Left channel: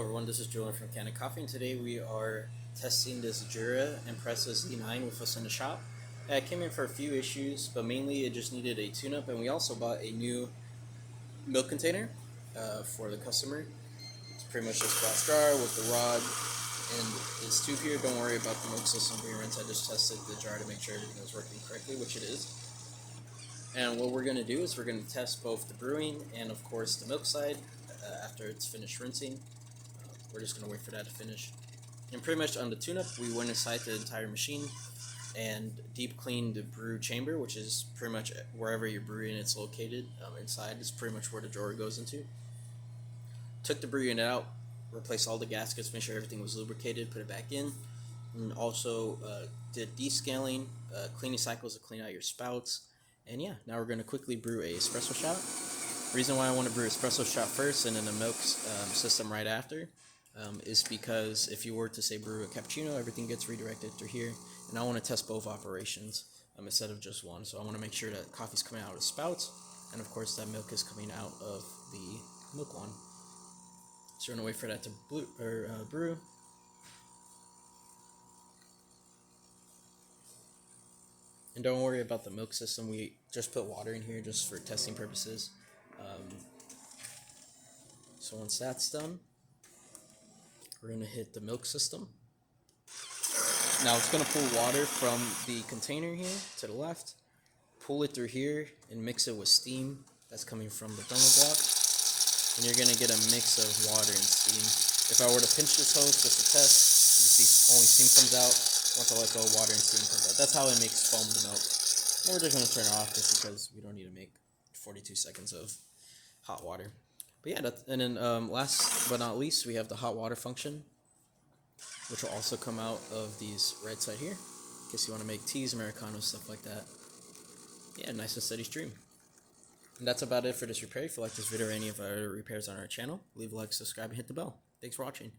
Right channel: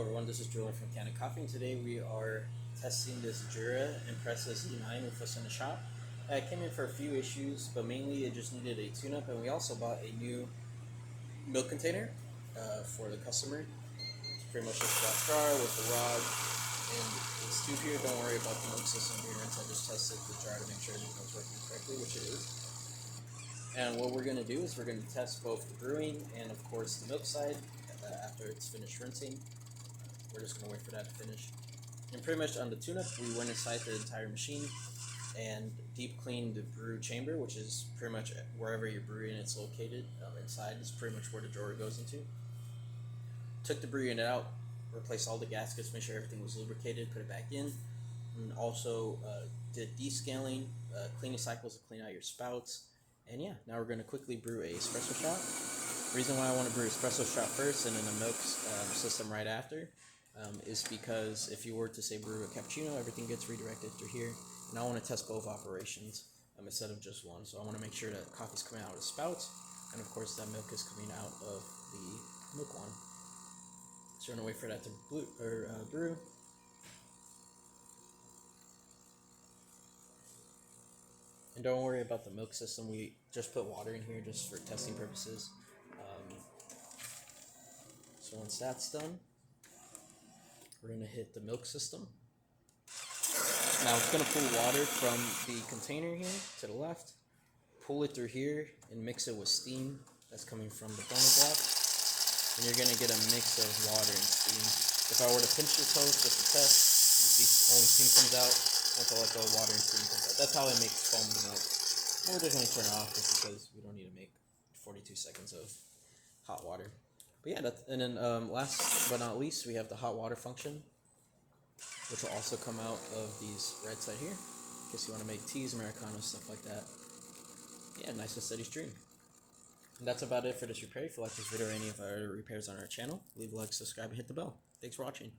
Hello everyone, this is Julian from Kanen Coffee, and today we are testing this Impressa Z9 with us in the shop. It came in for a few issues, but mainly it just needed a tune-up, and we also bought a new milk container for the customer. It's pretty much just glass jar with the rod and this tube here. Don't worry about the milk system being rinsed. I just tested the jar to make sure everything was working correctly, which it is. And what we're going to do is we're going to test both the brewing and of course the milk side after it's finished rinsing. We're just going to wait for that to finish. And pretty much on the tune-up, we went inside the entire machine and deep cleaned the brew chamber, which is pretty much wherever you're brewing it's located. Inside is pretty much where the drawer goes into. Took the brew unit out, replaced all the gaskets, made sure everything was lubricated, put it back in, and also did descaling, cleaning cycles to clean out your spouts. And yeah, now we're going to quickly brew a espresso shot. Reason why I want to brew espresso shot first and then the milk system right after is because if you were to say brew a cappuccino, everything gets redirected through here, and I want to test both operations instead of just one. So I want to make sure that coffee's coming out of the spouts, and of course that milk is coming out of the milk one. So we're gonna wait for that to brew. And don't worry about the milk system. We just put water in here just for testing purposes. So once that's done, we're going to hit the milk system. Now it's going to pull water from the container here to the left, pull it through here, and mix it with steam that's coming from the thermoglass. And you're going to get a mix of water and steam. If I were to pinch this hose just to test, you can see only steam comes out. Once I let go, water and steam comes out. That's how it makes foam the milk. And we're just going to turn it off just because we don't need to make 42 seconds of hot water. But yeah, and then last but not least, we have the hot water function, which will also come out of these right side here, in case you want to make teas, Americanos, stuff like that. Yeah, nice and steady stream. And that's about it for this repair. If you like this video or any of our other repairs on our channel, leave a like, subscribe, and hit the bell. Thanks for watching.